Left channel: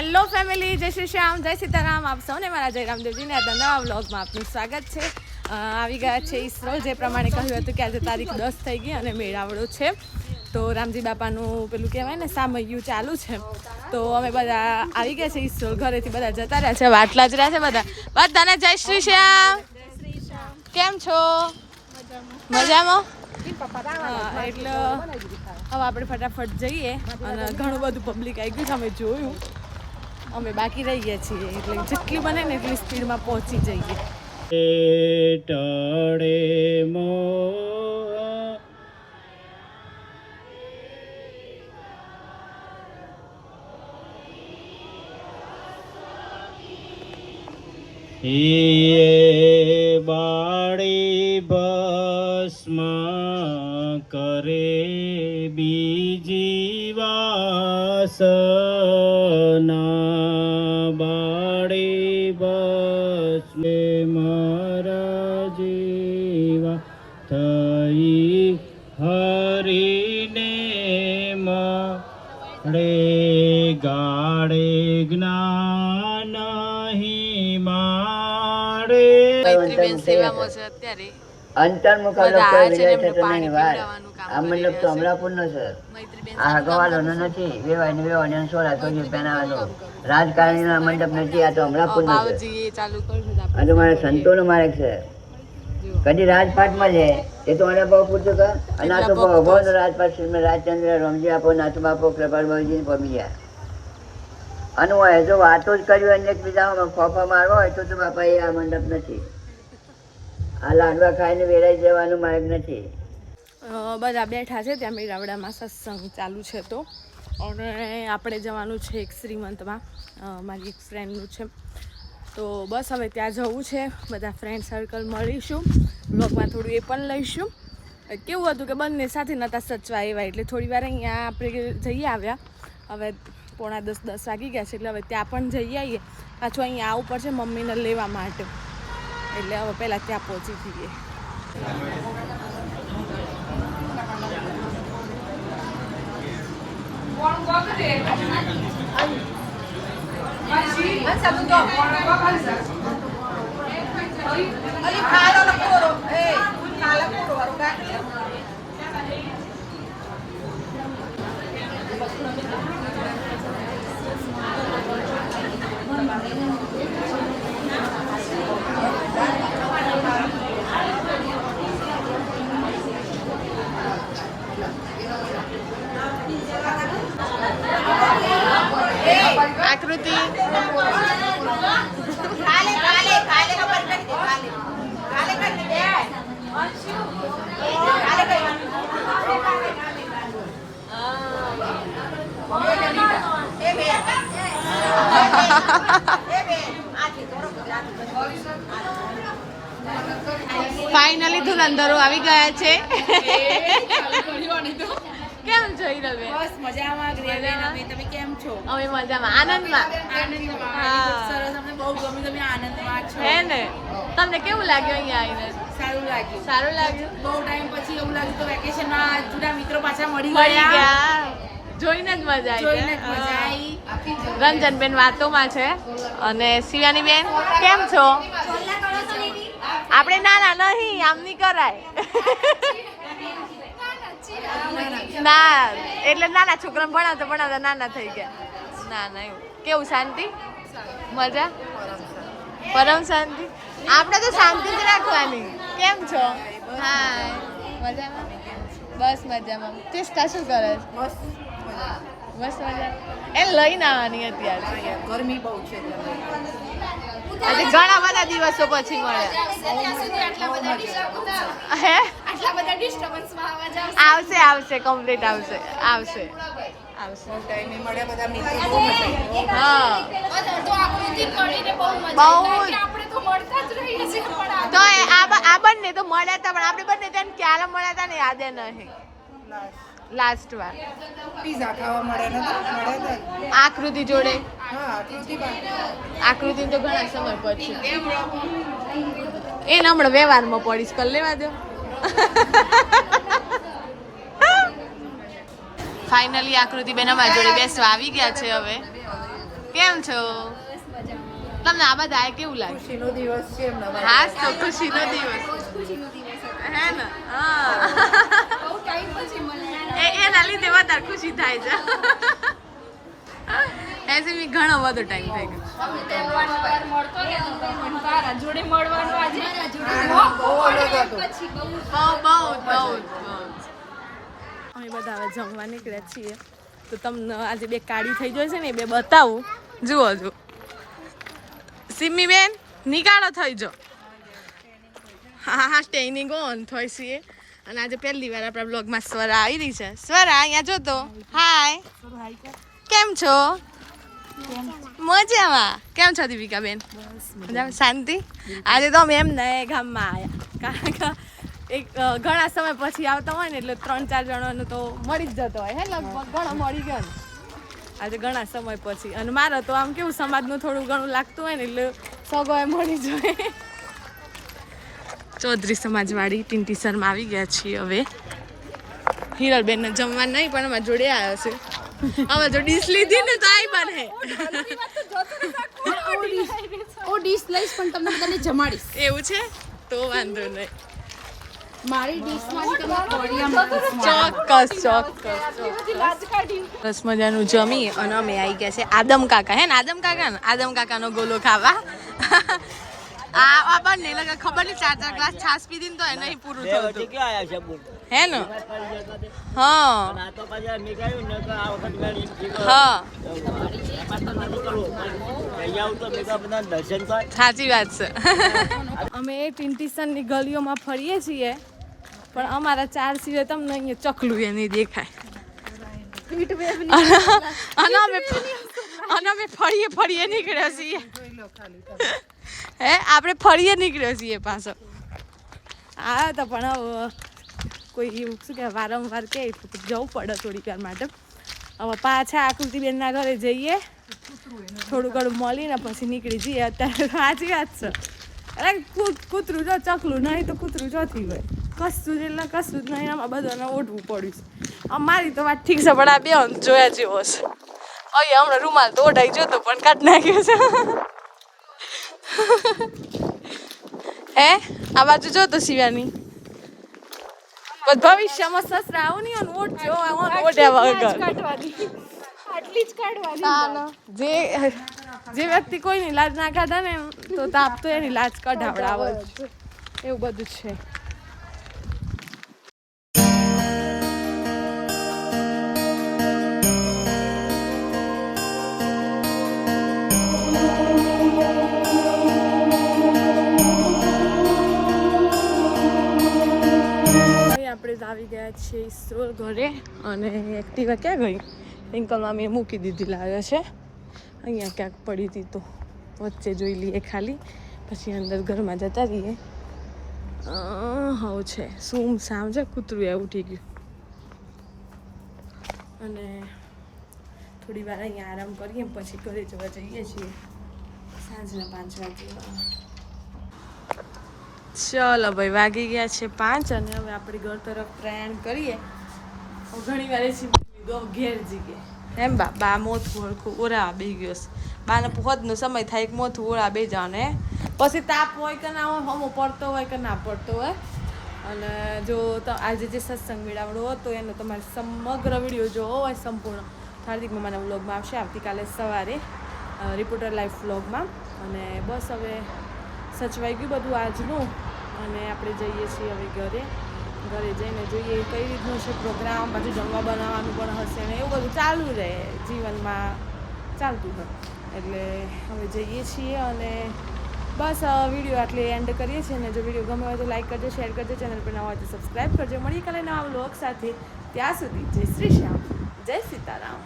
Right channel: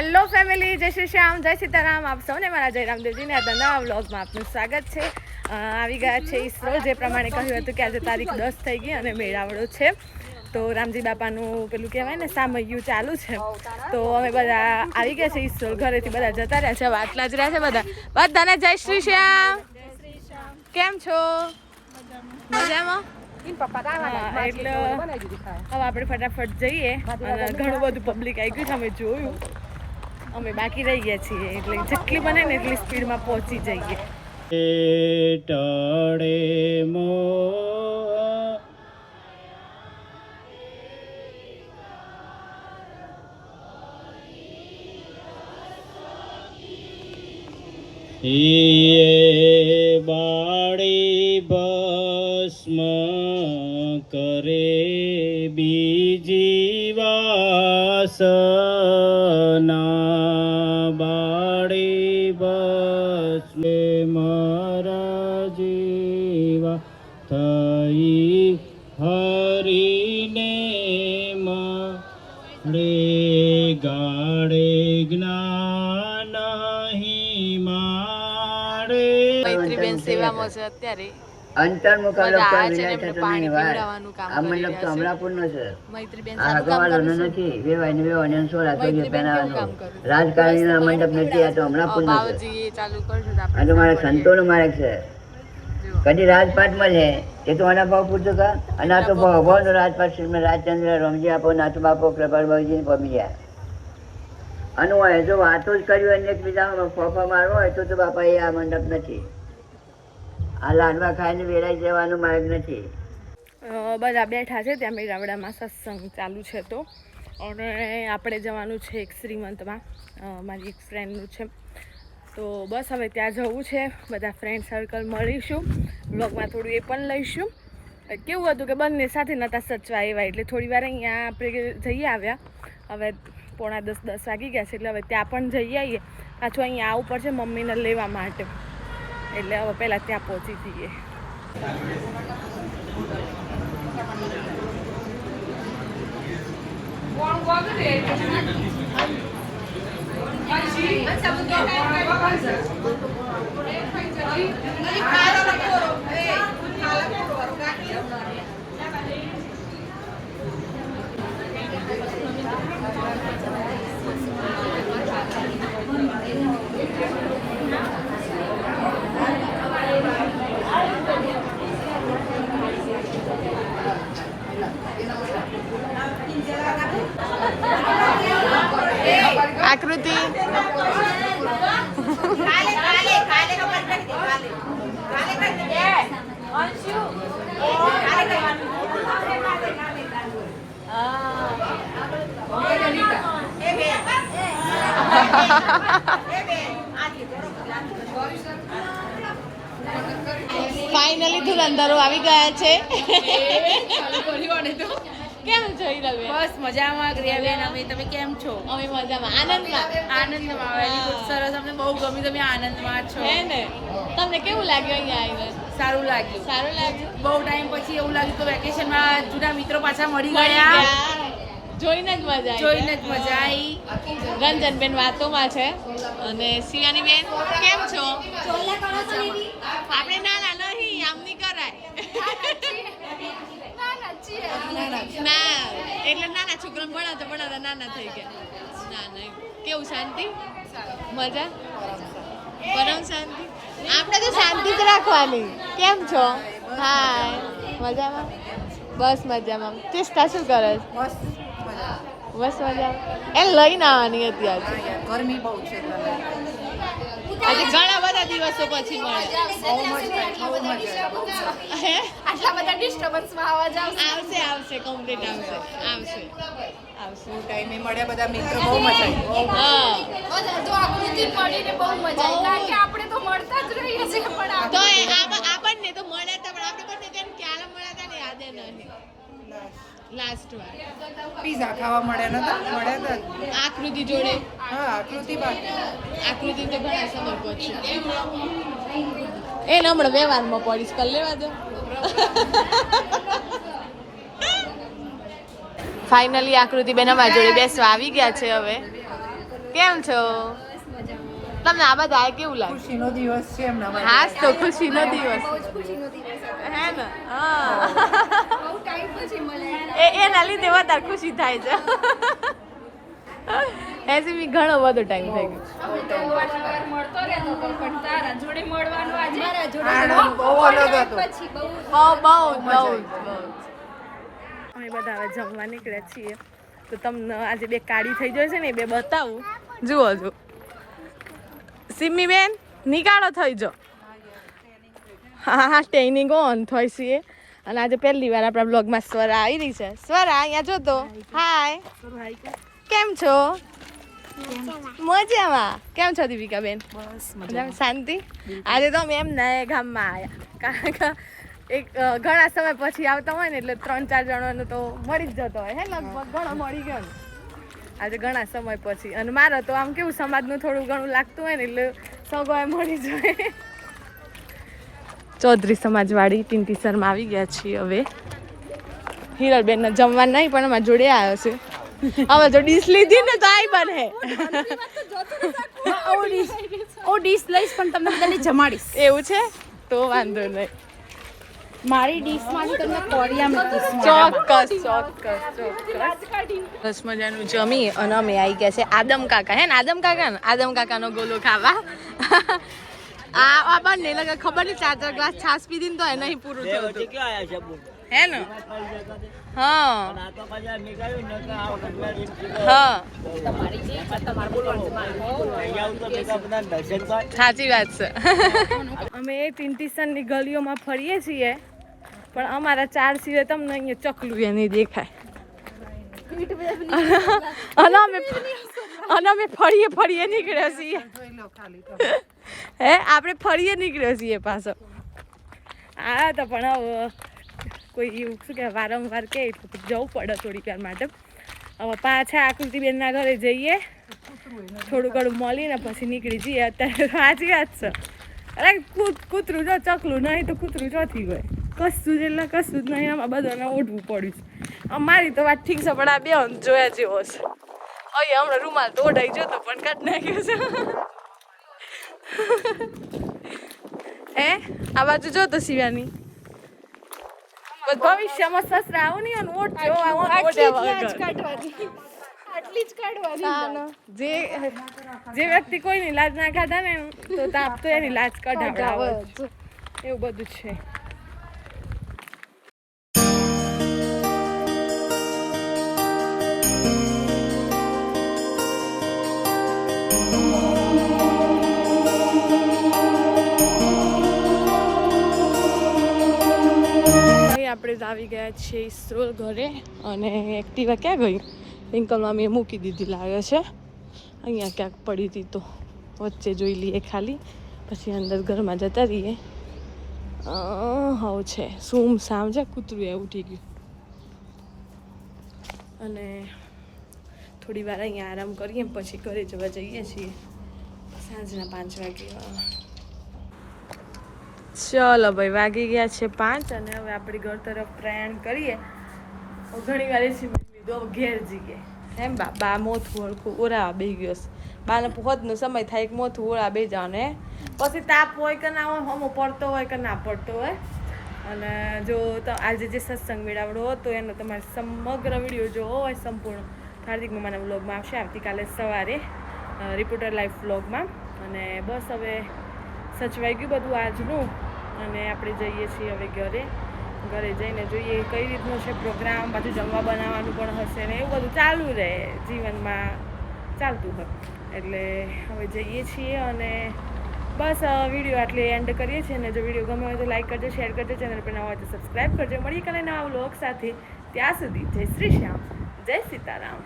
Hello family, જય શ્રી શ્યામ, જય સીતારામ. આપ સૌને મારા જય રામદેવજીને આ નવા વ્લોગમાં આપનું સ્વાગત છે. આવી ગયા છે ઈસરો. જે પ્રમાણે કહ્યું હતું કે આજે તારીખ 10 થઈ ગઈ અને મેળાવડો છે. તો રામજી બાપાનું પેલું કહેવાય ને સામૈયું ચાલુ છે. તો અમે બધા આવી ગયા છે ઈસરો. ઘરેથી બધા જતા રહ્યા છે, વાટલા જ રહ્યા છે બધા. બધાને જય શ્રી શ્યામ. કેમ છો? મજામાં? હા, એટલે હવે આપણે ફટાફટ જઈએ અને ઘણું બધું પબ્લિક આવી ગયું છે. અમે જોયું, અમે બાકી રહી ગયા છીએ, એટલે જેટલી બને ને એટલી સ્પીડમાં પહોંચી જઈએ. ટળે મો બાળી ભસ્મ કરે બીજી વાસના બાળી ભસ્મ મારા જીવા થઈ હરીને મળે ગાળે જ્ઞાન મૈત્રીબેન સેવામાં છે અત્યારે. અંતર મુકાબલો કોઈ વિલેજ થતો નહીં વાર. આ મંડપ તો અમરાપુરનો છે, આ હગવાલોનો નથી. વેવાની સોળા સભ્યો પહેરાવાનો રાજકારણીનો મંડપ નથી, આ તો અમરાપુરનો છે. આ તો મારા સંતોનો માર્ગ છે. કદી રાજપાટ મળે એ તો આના ભાવ પૂછતું કા. અને આ તો ભગવાનનો રાજપાટ છે. રાજચંદ્ર રમજી આપો, નાથુ બાપો, પ્રભાર બાબુજીને પમ્યા અને હોય જો વાતો જ કર્યું અને એકબીજામાં ફોફા મારવા હોય તો બાપા એ આ મંડપ નથી. આ લાડવા ખાઈને વેરાઈ જવાનો માર્ગ નથી. બધા બેઠા છે ત્યાં મેળાવડામાં સત્સંગ ચાલુ છે. તો અને આપણે જવાનું છે એક શ્રીમંતમાં, મારી એક ફ્રેન્ડનું છે. તો બસ હવે ત્યાં જવું છે. બધા ફ્રેન્ડ સર્કલ મળીશું, બ્લોગમાં થોડું એ પણ લઈશું. કેવું હતું કે બંને સાથે નહોતા સચવા એવા, એટલે થોડી વાર અહીંયા આપણે જઈ આવ્યા. હવે 9:45 વાગી ગયા છે, એટલે હવે ત્યાં પણ જઈ આવીએ. પાછું અહીંયા આવવું પડશે મમ્મીને લેવા માટે, એટલે હવે પહેલાં ત્યાં પહોંચી જઈએ. આકૃતિ ફાઇનલી ધુરંધરો આવી ગયા છે. કેમ છો હિરલબેન? બસ મજામાં. તમે કેમ છો? અમે મજામાં, આનંદમાં. સરસ, અમને બહુ ગમ્યું. તમે આનંદમાં છો હે ને? તમને કેવું લાગ્યું અહીંયા આવીને? સારું લાગ્યું. સારું લાગ્યું. બહુ ટાઈમ પછી એવું લાગ્યું કે વેકેશનમાં જૂના મિત્રો પાછા મળી મળી ગયા. ગયા, જોઈને જ મજા આવી. જોઈને જ મજા આવી. રંજનબેન વાતોમાં છે. અને શિવાનીબેન કેમ છો? આપણે નાના નહીં, આમ નહીં કરાય. ના એટલે નાના છોકરાને ભણાવતા નાના થઈ ગયા. ના એવું. કેવું શાંતિ? મજા? પરમ શાંતિ. આપણે તો શાંતિ જ રાખવાની. કેમ છો? હા, મજામાં? બસ મજામાં. તિષ્ઠા શું કરે છે? બસ મજા. એ લઈને આવવાની અત્યારે. ગરમી બહુ છે. આજે ઘણા બધા દિવસો પછી મળ્યા. હે? આટલા બધા ડિસ્ટર્બન્સમાં અવાજ આવશે કમ્પ્લીટ આવશે. ટાઈમે મળ્યા બધા મિત્રો, બહુ મજા આવી. હા, તો આકૃતિ મળીને બહુ મજા બહુ. આવી. આપણે તો મળતા જ રહીએ છીએ, પણ તો આ બંને તો મળ્યા હતા, પણ આપણે બંને ત્યાં ક્યારે મળ્યા હતા ને યાદ નહીં. લાસ્ટ વાર પીઝા ખાવા મળ્યા હતા. આકૃતિ જોડે. હા, આકૃતિ તો ઘણા સમય પછી એને હમણાં વ્યવહારમાં પડીશ, કર લેવા દો. ફાઇનલી આકૃતિ બેન અમારી જોડે બેસવા આવી ગયા છે. હવે કેમ છો? તમને આ બધા કેવું લાગે? ખુશીનો દિવસ છે એમના માટે. હા તો ખુશીનો દિવસ હે ને? હા એના લીધે વધારે ખુશી થાય છે. એસી બી ઘણો બધો ટાઈમ થઈ ગયો. અમે બધા હવે જમવા નીકળ્યા છીએ તો તમને આજે બે કાળી થઈ જાય છે ને એ બે બતાવું. જુઓ જો સિમ્મી બેન નીકાળો થઈ જો. હા ટ્રેનિંગ ઓન થઈ છે અને આજે પહેલી વાર આપણા બ્લોગમાં સ્વરા આવી રહી છે. સ્વરા અહીંયા જો તો. હાય કેમ છો? મજામાં. કેમ છો દીપિકા બેન? મજામાં શાંતિ. આજે તો અમે એમ ને ગામમાં આવ્યા કારણ કે એક ઘણા સમય પછી આવતા હોય ને એટલે 3-4 જણાનો તો મળી જ જતો હોય હે લગભગ ઘણો મળી ગયો ને આજે ઘણા સમય પછી. અને મારે તો આમ કેવું સમાજનું થોડું ઘણું લાગતું હોય ને એટલે સગોએ મળી જાય. ચૌધરી સમાજવાળી ટીન્ટી શર્મા આવી ગયા છીએ હવે. હિરલબેનને જમવા નહીં પણ અમારા જોડે આવ્યો છે. અમે તો ડીશ લીધી ને તો આઈ બને. ડીશ લઈશ પણ તમને બધાને જમાડીશ. એવું છે તો વાંધો નહીં. મારી ડીશમાં તમને કોળિયા ચોક્કસ. બસ મજાનું જમી અને અમે આવી ગયા છે આદમ કાકા હે ને આદમ કાકાનો ગોલો ખાવા. આ બંને લગે ખબર નહીં 4 ગ્લાસ છાશ પીધી ને તો એ નહીં પૂરું થયું હે ને. હા સાચી વાત છે. અમે ટીન્ટીસનની ગલીઓમાં ફરીએ છીએ પણ અમારા 4 સિવાય તમને અહીંયા ચકલું એ નહીં દેખાય. અને અમે ફરીએ નીકળ્યા છીએ હે આપણે ફરીએ નીકળ્યો છીએ પાછો. હા તો પણ હવે કોઈ એવું શું કે વારંવાર કે એટલું જવું પડે થોડીક વાર માટે. હવે પાછા આકૃતિબેનના ઘરે જઈએ થોડું ઘણું મળીને પછી નીકળી જઈએ. અત્યારે સાચી વાત છે. અરે કૂતરું જો ચકલું નહીં તો કૂતરું ચોથી હોય કશું જ એટલે કશું જ નહીં. આમાં બધાને ઓઢવું પડ્યું છે. મારી તો વાત ઠીક છે પણ આ બે જોયા જેવો છે. અહીંયા હમણાં રૂમાલ તો ઓઢાઈ જતો પણ કાઢ નાખ્યો છે. હે આ બાજુ જો તો શિવાની ભવિષ્યમાં સસરા આવું નહીં અને ઓઢજો ઓઢ્યા વગર. જે વ્યક્તિ કોઈની લાજ ના કાઢે ને તો તાપ તો એની લાજ કઢાવડાવે એવું બધું છે. આપણે આવી ગયા છીએ ઇસરોલ ઘરે અને એક્ટિવા ક્યાં ગયું રિંકલમાં મેં મૂકી દીધી લાગે છે. અહીંયા ક્યાંક પડી હતી તો વચ્ચે જોઈ લઈએ ખાલી પછી અંદર ઘરમાં જતા રહીએ. હવે છે સૂમ સામ છે કૂતરું એ ઉઠી ગયું અને થોડી વાર અહીંયા આરામ કરીએ પછી ઘરે જવા જઈએ છીએ સાંજના 5 વાગે. ચલો ભાઈ વાગી ગયા છે 5 અને હવે આપણે ઘર તરફ પ્રયાણ કરીએ. ઘણી વાર એસી લીધો ઘેર જઈએ એમ બા મોથું હળખું ઓરા બે ગયો છે. બાને હોદનો સમય થાય એક મોથું ઓળા બે જાવ ને પછી તાપ હોય કે ના હોય હમો પડતો હોય કે ના પડતો હોય. અને જો આજે જે સત્સંગ મેળાવડો હતો એનો તમારે સમગ્ર વિડીયો જોવો હોય સંપૂર્ણ હાર્દિક મમ્માના વ્લોગમાં આવશે આવતીકાલે સવારે રિપોર્ટર લાઈવ વ્લોગમાં. અને બસ હવે સચવાઈ ગયું બધું આજનું અને આપણે જઈએ છીએ હવે ઘરે જઈને જોઈએ કઈ રીતનો છે પ્રોગ્રામ. પાછું જમવા બનાવવાનું પણ હશે ને એવું બધું ચાલુ રહે જીવનમાં ચાલતું હોય એટલે હવે જઈએ છીએ. અને બસ વિડીયો આટલે એન્ડ કરીએ છીએ. અને જો વિડીયો ગમે હોય તો લાઈક કરજો, શેર કરજો, ચેનલ પર નવા હોય તો સબસ્ક્રાઈબ કરજો. મળીએ કાલે નવા વ્લોગ સાથે. ત્યાં સુધી જય શ્રી શ્યામ, જય સીતારામ.